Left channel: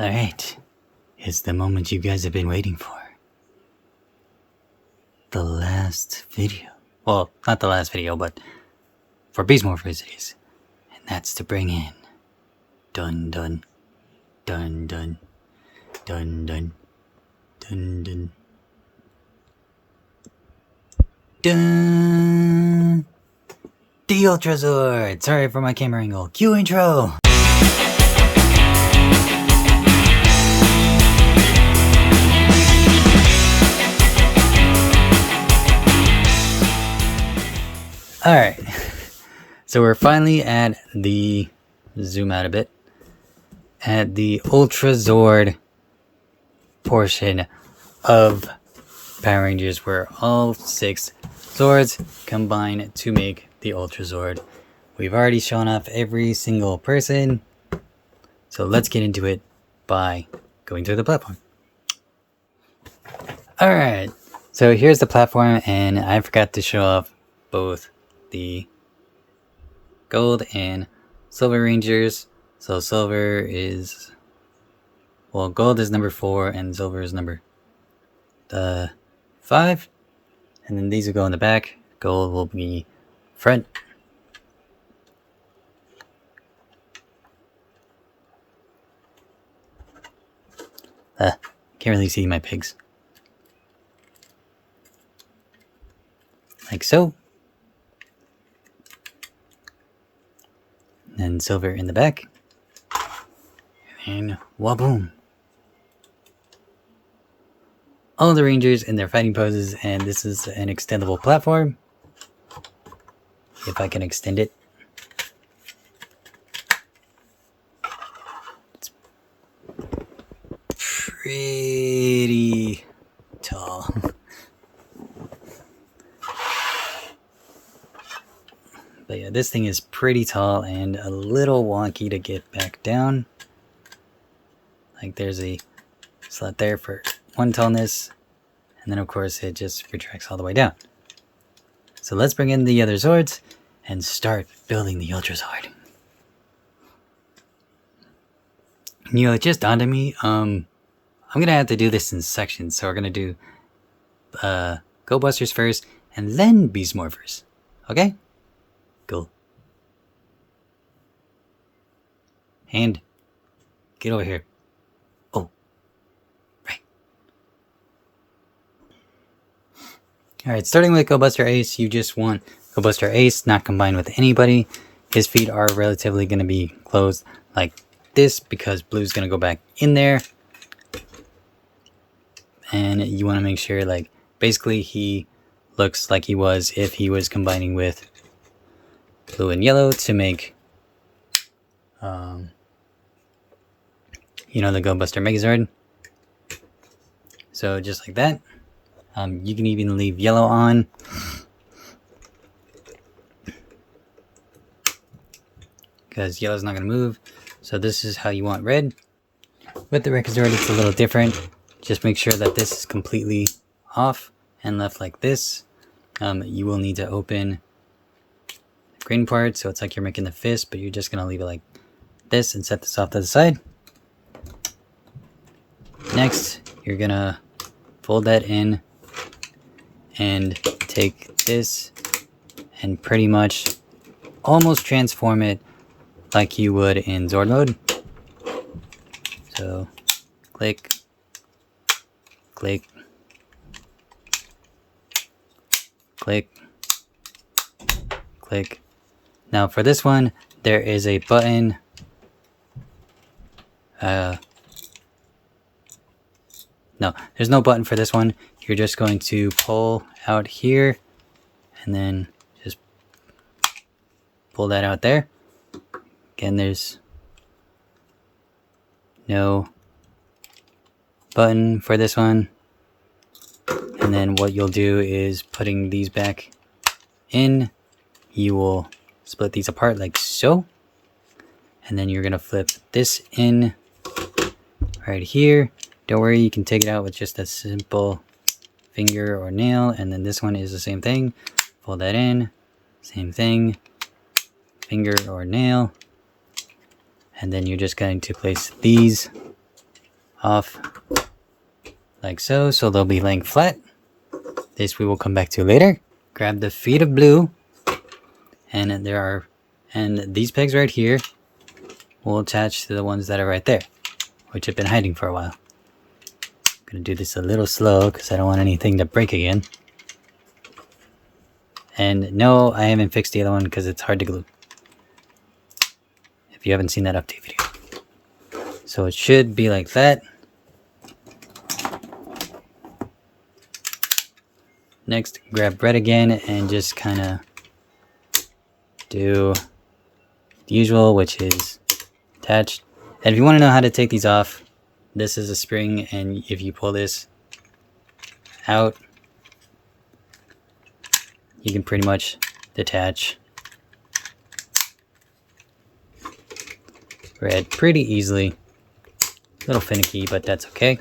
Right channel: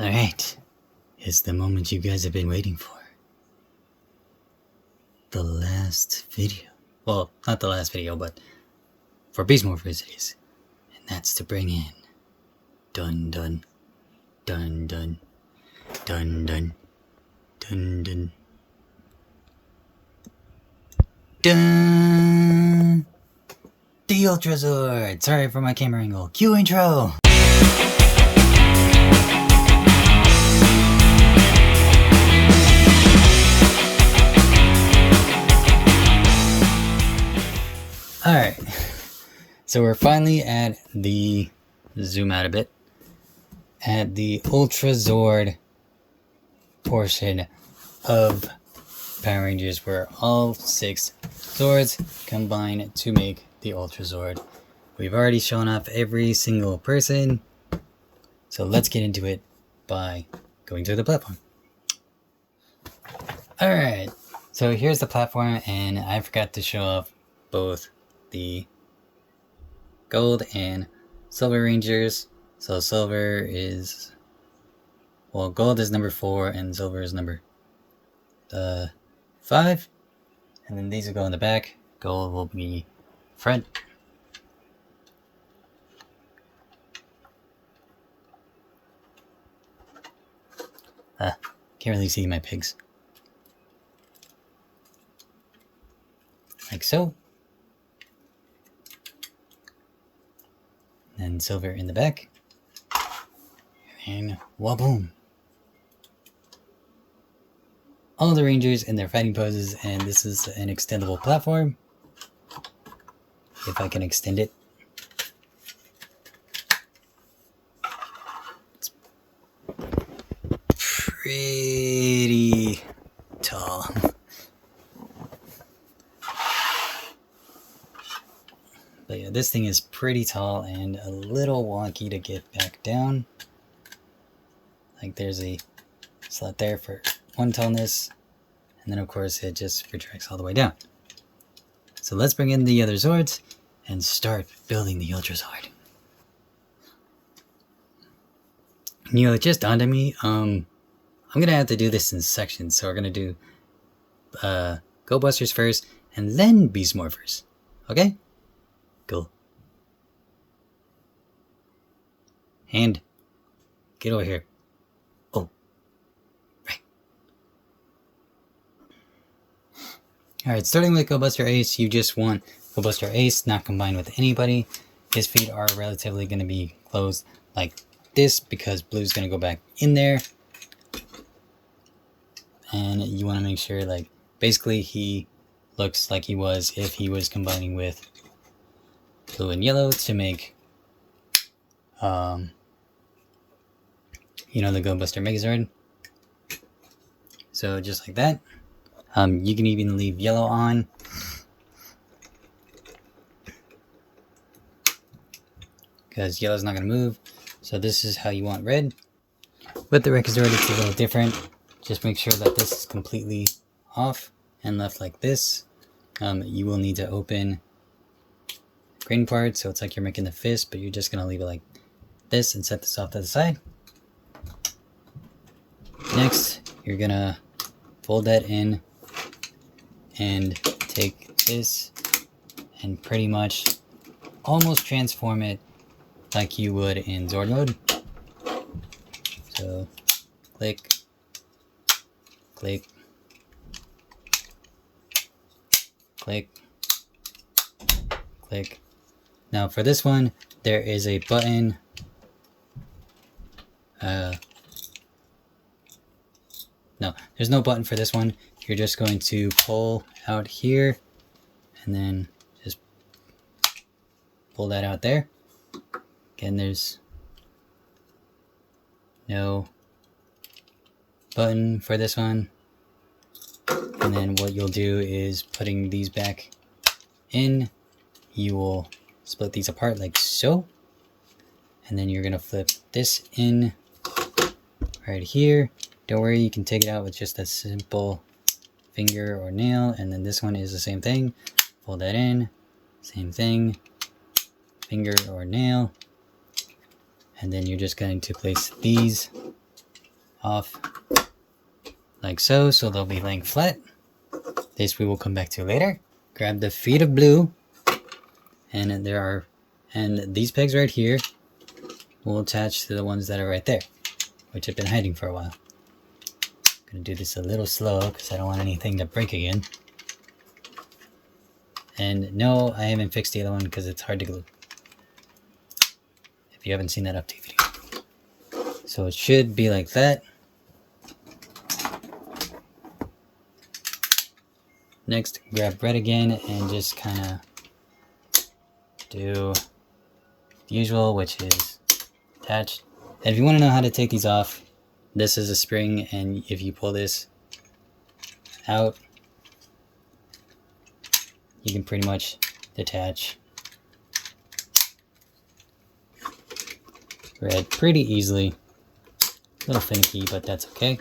Alright, it's the moment you guys have been waiting for. The last video. Well, not the last video, but for Beast Morphers it is. And that's to bring in dun dun dun dun dun dun dun dun dun the Ultrazord! Sorry for my camera angle. Cue intro! Alright, so we're finally at the, zoom out a bit, at the Ultrazord portion of Power Rangers, where all 6 Zords combine to make the Ultrazord. We've already shown off every single person, so let's get into it by going to the platform. Alright, so here's the platform, and I forgot to show off both the gold and silver rangers. So silver is, well, gold is number 4 and silver is number 5, and then these will go in the back. Gold will be front. Can't really see my pigs. Like so. And silver in the back, and waboom! All the Rangers in their fighting poses, and this is an extendable platform. If I can extend it. It's pretty tall. But yeah, this thing is pretty tall and a little wonky to get back down. Like there's a slot there for one tallness, and then of course it just retracts all the way down. So let's bring in the other Zords and start building the Ultrazord. You know, it just dawned on me, I'm gonna have to do this in sections. So we're gonna do Go Busters first and then Beast Morphers. Okay? Cool. Hand, get over here. Oh, right. Alright, starting with Go Buster Ace, you just want Go Buster Ace not combined with anybody. His feet are relatively going to be closed like this because Blue's going to go back in there. And you want to make sure, like, basically he looks like he was if he was combining with Blue and Yellow to make, you know, the Go Buster Megazord. So just like that. You can even leave Yellow on. Because Yellow's not going to move. So this is how you want Red. With the Megazord, it's a little different. Just make sure that this is completely off and left like this. You will need to open green part, so it's like you're making the fist, but you're just gonna leave it like this and set this off to the side. Next, you're gonna fold that in and take this and pretty much almost transform it like you would in Zord mode. So click, click, click, click. Now for this one, there is a button. No, there's no button for this one. You're just going to pull out here and then just pull that out there. Again, there's no button for this one. And then what you'll do is putting these back in, you will split these apart like so, and then you're gonna flip this in right here. Don't worry, you can take it out with just a simple finger or nail, and then this one is the same thing. Fold that in, same thing, finger or nail, and then you're just going to place these off like so, so they'll be laying flat. This we will come back to later. Grab the feet of blue, and these pegs right here will attach to the ones that are right there, which have been hiding for a while. I'm gonna do this a little slow because I don't want anything to break again. And no, I haven't fixed the other one because it's hard to glue, if you haven't seen that update video. So it should be like that. Next, grab red again and just kind of do the usual, which is attach. And if you want to know how to take these off, this is a spring, and if you pull this out, you can pretty much detach red pretty easily. A little finicky, but that's okay.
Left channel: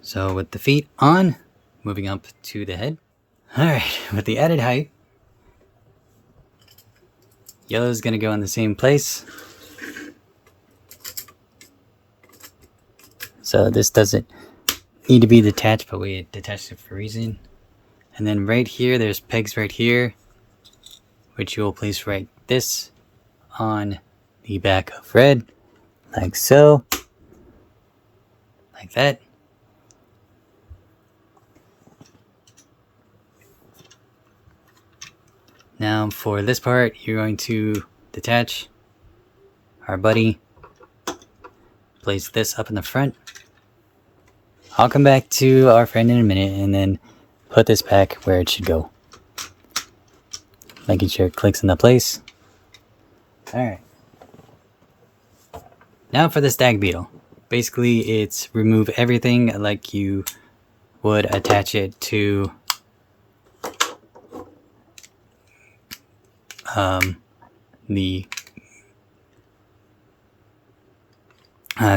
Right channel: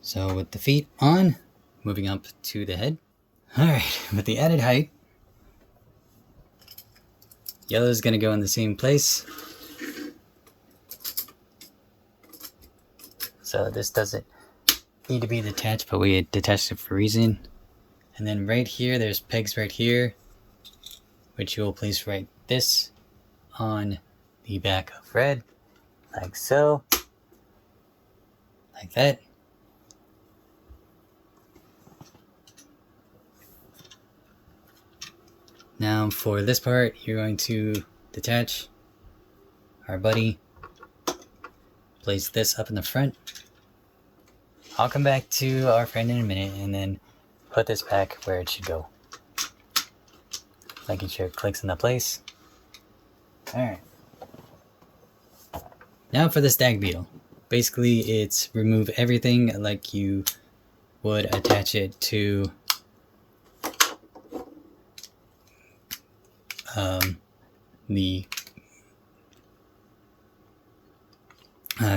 So with the feet on, moving up to the head. Alright, with the added height, yellow is going to go in the same place. So this doesn't need to be detached, but we detached it for a reason. And then right here, there's pegs right here, which you will place right this on the back of red, like so, like that. Now for this part, you're going to detach our buddy, place this up in the front. I'll come back to our friend in a minute and then put this back where it should go. Making sure it clicks into place. Alright. Now for the stag beetle. Basically it's remove everything like you would attach it to the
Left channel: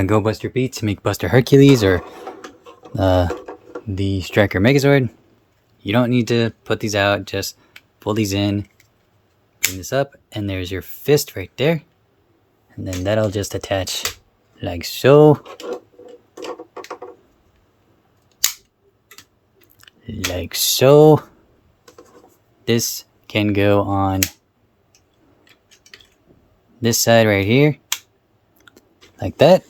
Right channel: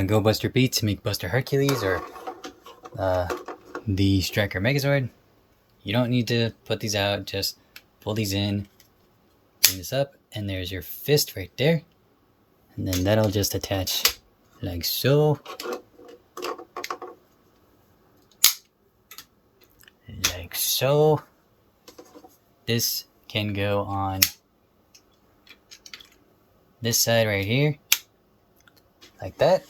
Go Buster Beat to make Buster Hercules, or the Striker Megazord. You don't need to put these out, just pull these in, bring this up, and there's your fist right there. And then that'll just attach like so. Like so. This can go on this side right here, like that.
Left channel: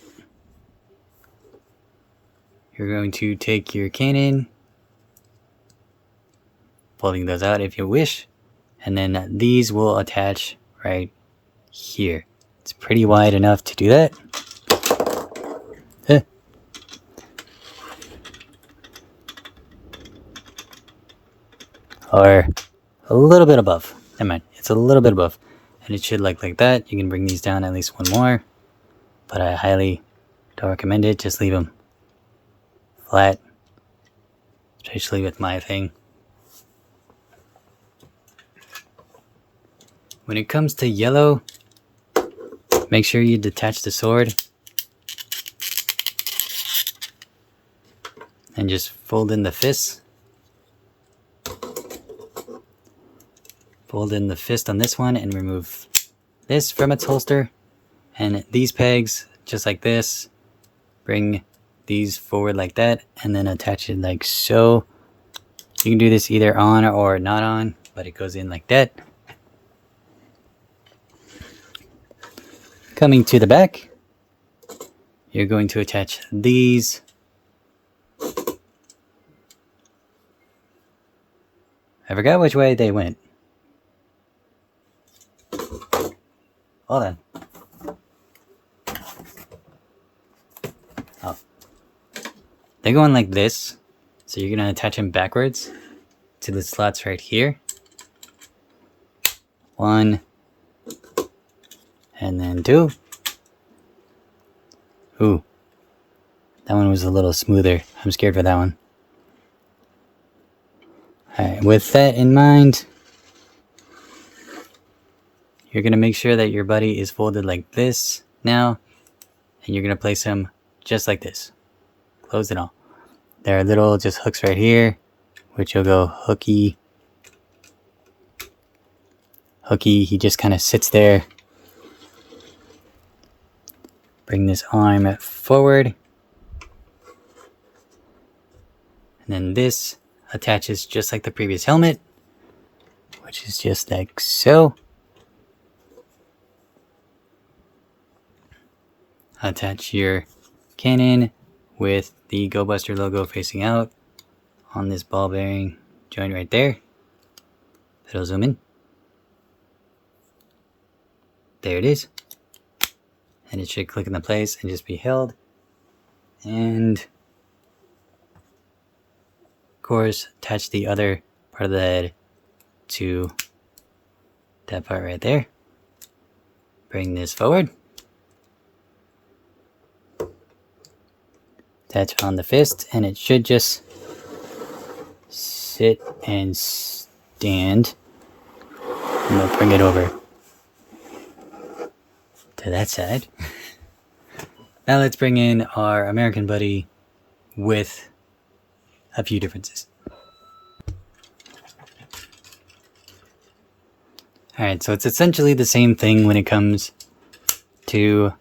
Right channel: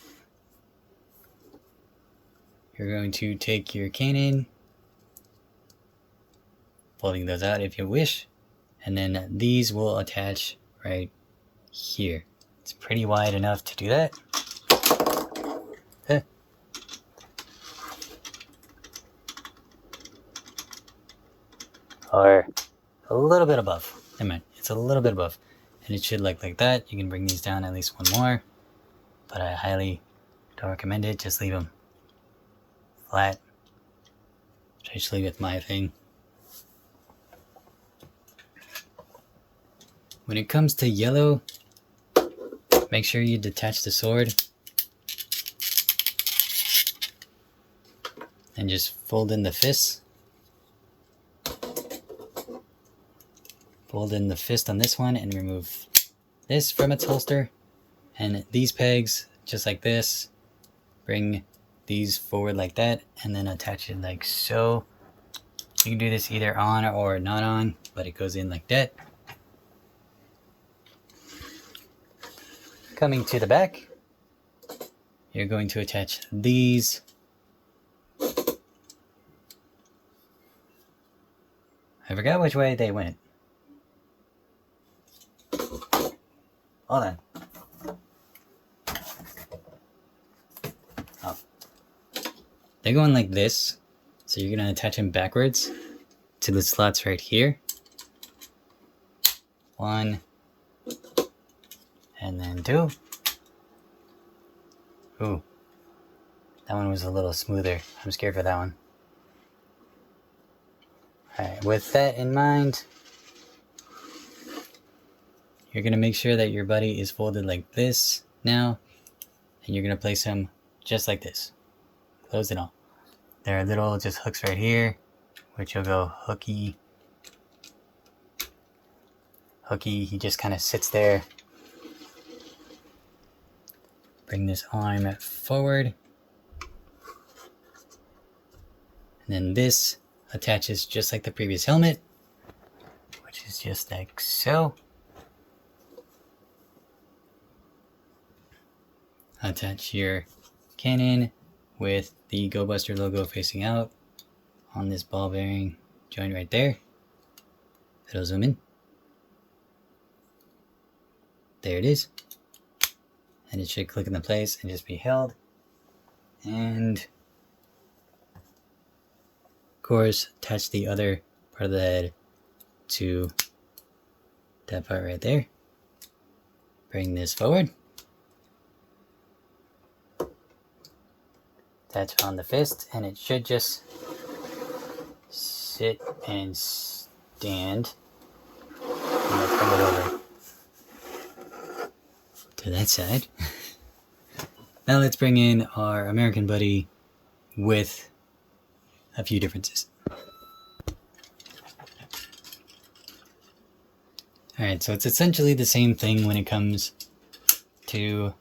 You're going to take your cannon, pulling those out if you wish, and then these will attach right here. It's pretty wide enough to do that. Or a little bit above. Never mind, it's a little bit above. And it should like that. You can bring these down at least one more, but I highly don't recommend it. Just leave them flat, especially with my thing. When it comes to yellow, make sure you detach the sword and just fold in the fists. Fold in the fist on this one and remove this from its holster. And these pegs, just like this, bring these forward like that, and then attach it like so. You can do this either on or not on, but it goes in like that. Coming to the back, you're going to attach these. I forgot which way they went. Hold on. Oh. They're going like this. So you're going to attach them backwards to the slots right here. 1. And then 2. Ooh. That one was a little smoother. I'm scared for that one. Alright, with that in mind, you're going to make sure that your buddy is folded like this now, and you're going to place him just like this. Close it all. There are little just hooks right here, which you'll go hooky. Hooky, he just kind of sits there. Bring this arm forward. And then this attaches just like the previous helmet, which is just like so. Attach your cannon with the Go Buster logo facing out on this ball bearing joint right there. It'll zoom in. There it is. And it should click into place and just be held. And of course, attach the other part of the head to that part right there. Bring this forward. Attach on the fist, and it should just sit and stand. And we'll bring it over to that side. Now let's bring in our American buddy with a few differences. Alright, so it's essentially the same thing when it comes to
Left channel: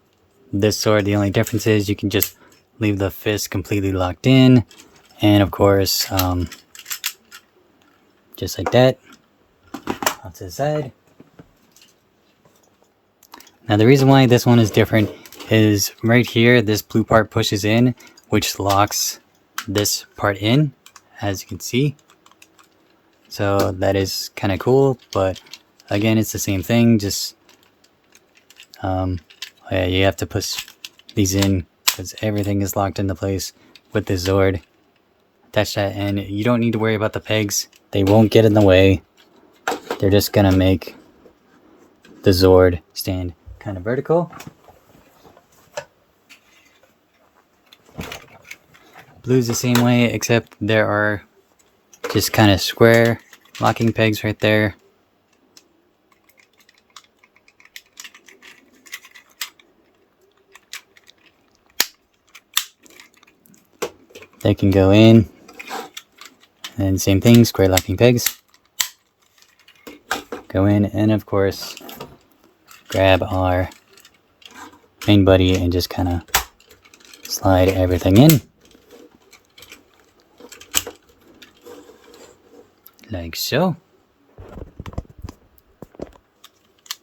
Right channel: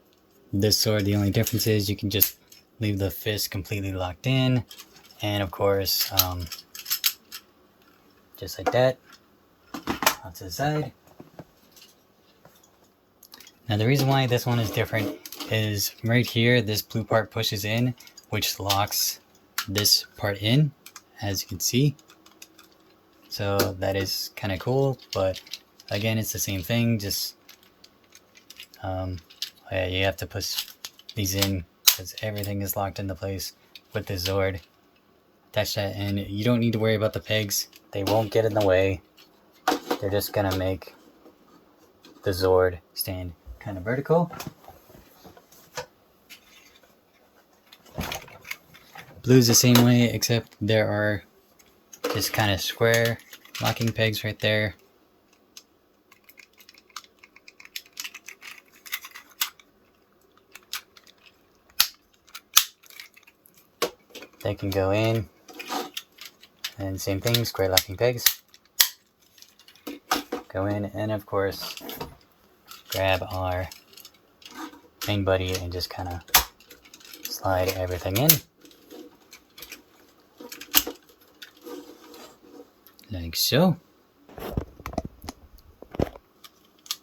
this sword. The only difference is you can just leave the fist completely locked in, and of course, just like that, off to the side. Now the reason why this one is different is right here, this blue part pushes in, which locks this part in, as you can see. So that is kind of cool, but again, it's the same thing, just yeah, you have to push these in because everything is locked into place with the Zord. Attach that, and you don't need to worry about the pegs. They won't get in the way. They're just gonna make the Zord stand kind of vertical. Blue's the same way, except there are just kind of square locking pegs right there. They can go in, and same thing, square locking pegs. Go in, and of course, grab our main buddy and just kind of slide everything in. Like so.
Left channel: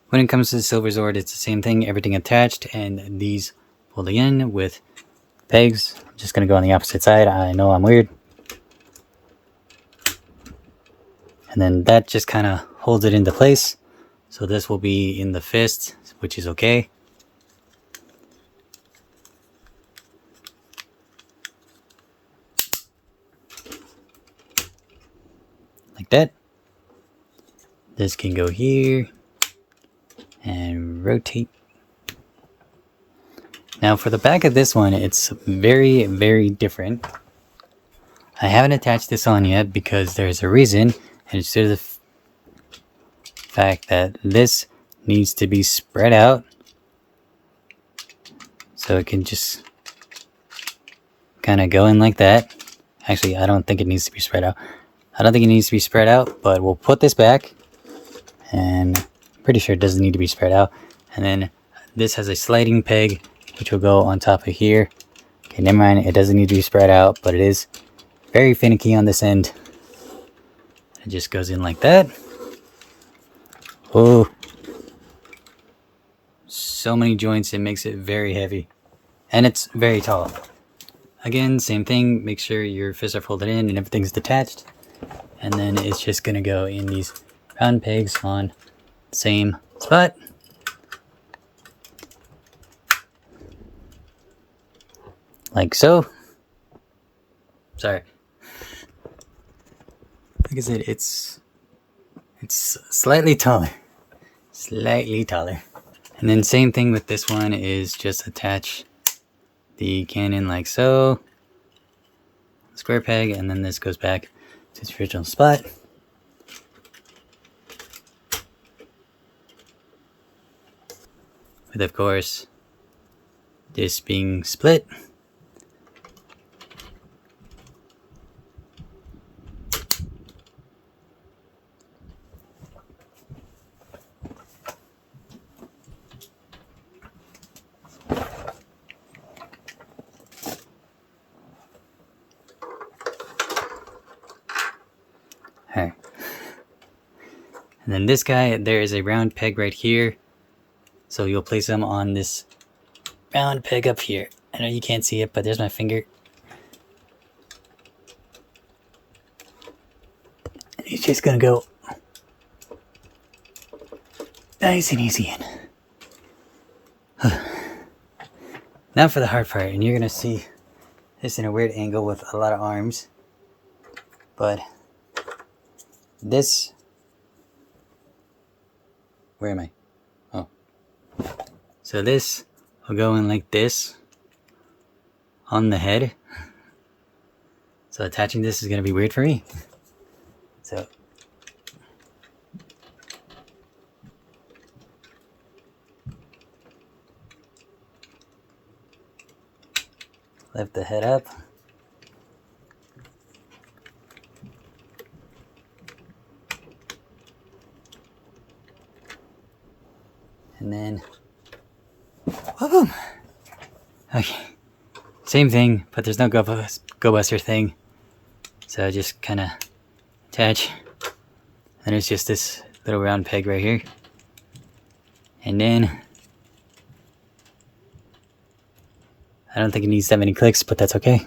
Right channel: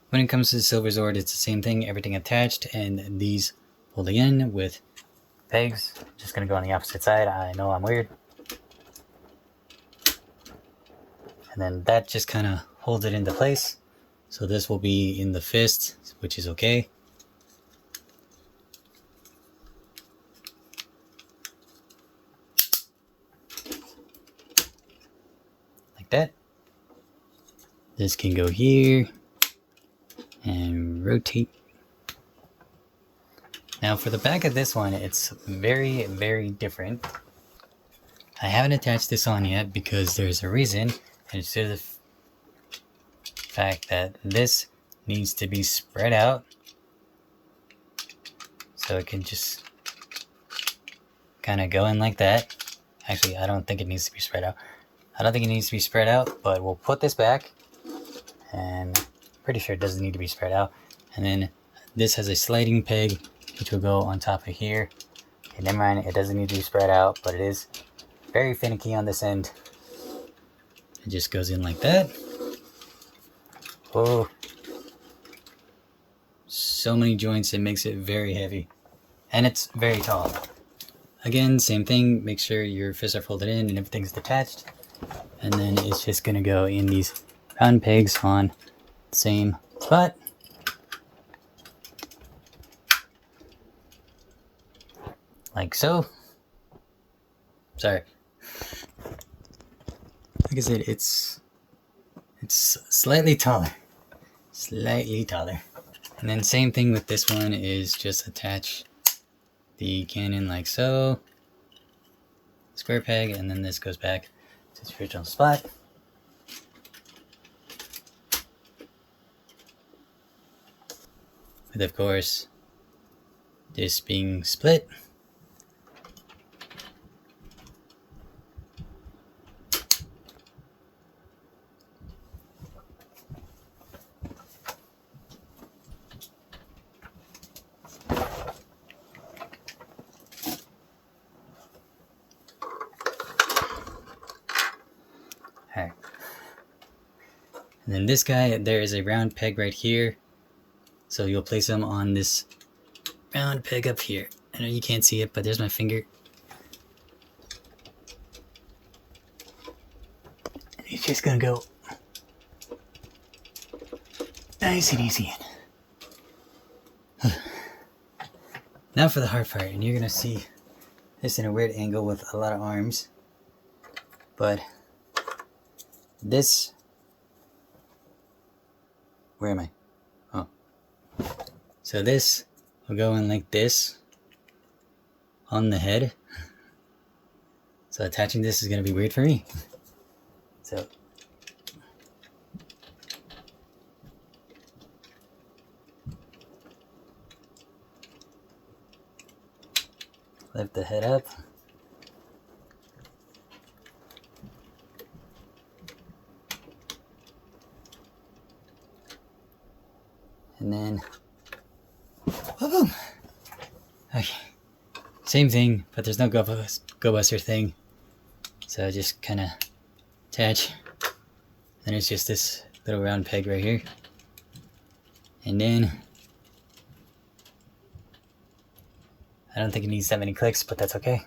When it comes to the Silver Zord, it's the same thing, everything attached, and these folding in with pegs. I'm just gonna go on the opposite side. I know I'm weird. And then that just kind of holds it into place. So this will be in the fist, which is okay. Like that. This can go here and rotate. Now for the back of this one, it's very, very different. I haven't attached this on yet because there's a reason, and it's due to the fact that this needs to be spread out so it can just kind of go in like that. Actually, I don't think it needs to be spread out. I don't think it needs to be spread out, but we'll put this back, and I'm pretty sure it doesn't need to be spread out. And then this has a sliding peg which will go on top of here. Okay, never mind, it doesn't need to be spread out, but it is very finicky on this end. It just goes in like that. Oh, so many joints, it makes it very heavy, and it's very tall. Again, same thing, make sure your fists are folded in and everything's detached, and then it's just gonna go in these round pegs on the same spot. Like so. Sorry. Like I said, it's slightly taller. Slightly taller. And then same thing with this one is just attach the cannon like so. Square peg, and then this goes back to its original spot. With of course this being split. And then this guy, there is a round peg right here. So you'll place them on this round peg up here. I know you can't see it, but there's my finger. It's just gonna go nice and easy in. Now for the hard part, and you're gonna see this in a weird angle with a lot of arms. But this, where am I? Oh. So this will go in like this on the head. So attaching this is gonna be weird for me. So lift the head up. And then, boom. Okay, same thing, but there's no go buster thing. So I just kind of attach, and it's just this little round peg right here. And then, I don't think it needs that many clicks, but that's okay.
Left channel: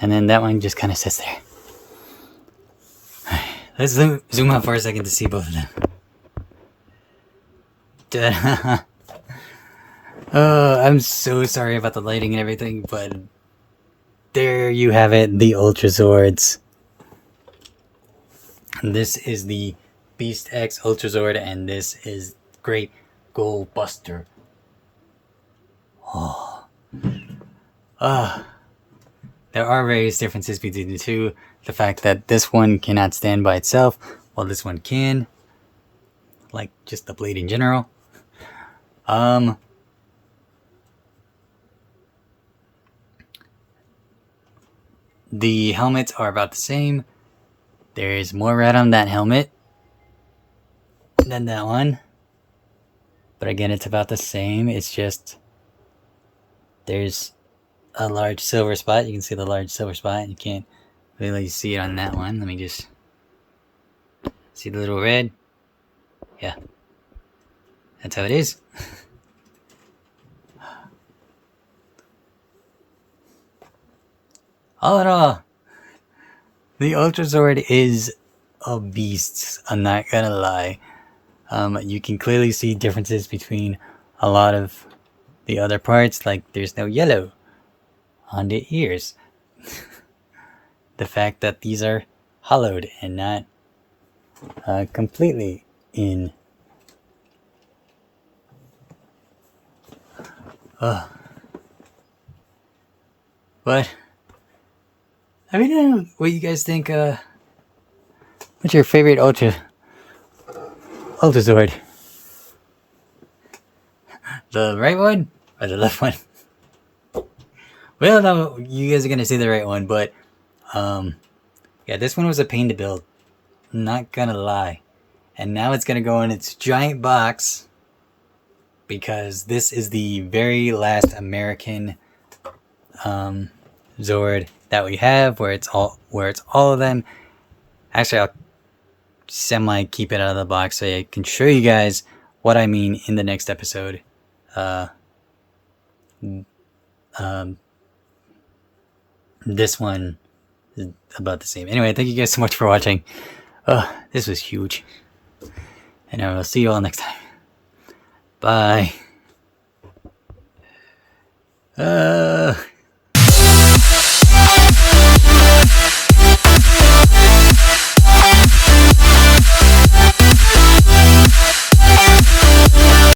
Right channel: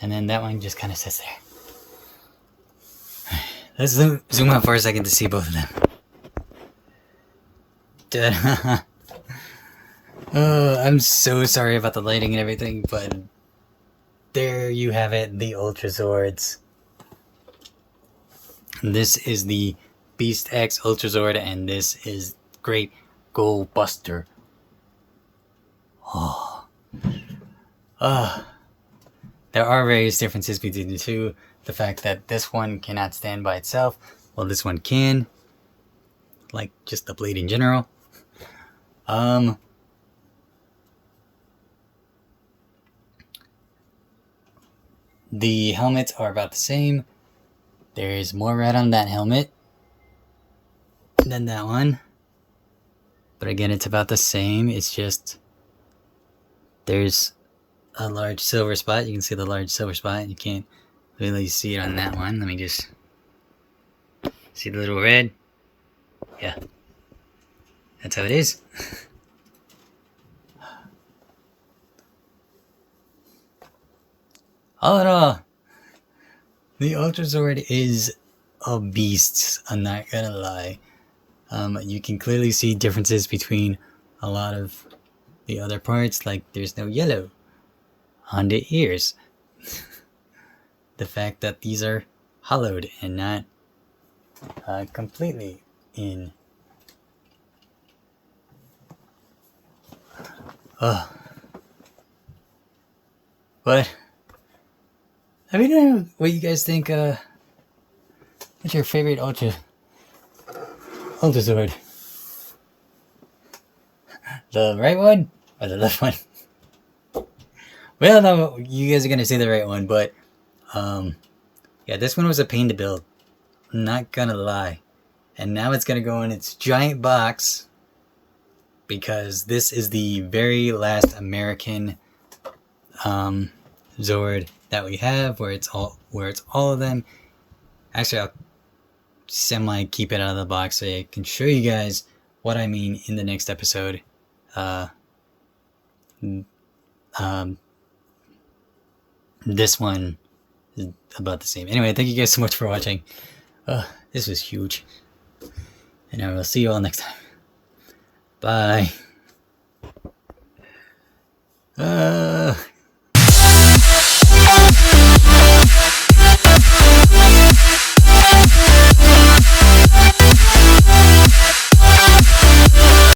And then that one just kind of sits there. Let's zoom out for a second to see both of them. Oh, I'm so sorry about the lighting and everything, but there you have it, the Ultrazords. And this is the Beast X Ultrazord, and this is Great Go Buster. Oh. There are various differences between the two. The fact that this one cannot stand by itself, while this one can. Like, just the blade in general. The helmets are about the same. There's more red on that helmet than that one. But again, it's about the same. It's just there's a large silver spot. You can see the large silver spot. You can't really see it on that one. Let me just see the little red. Yeah. That's how it is. All in all, the Ultrazord is a beast. I'm not gonna lie. You can clearly see differences between a lot of the other parts. Like there's no yellow on the ears. The fact that these are hollowed and not completely in. But let me know what you guys think. What's your favorite Ultrazord? The right one or the left one? Well, no, you guys are gonna say the right one, but yeah, this one was a pain to build. I'm not gonna lie. And now it's gonna go in its giant box because this is the very last American Zord that we have, where it's all of them. Actually, I'll semi keep it out of the box so I can show you guys what I mean in the next episode. This one is about the same. Anyway, thank you guys so much for watching. This was huge. And I will see you all next time. Bye.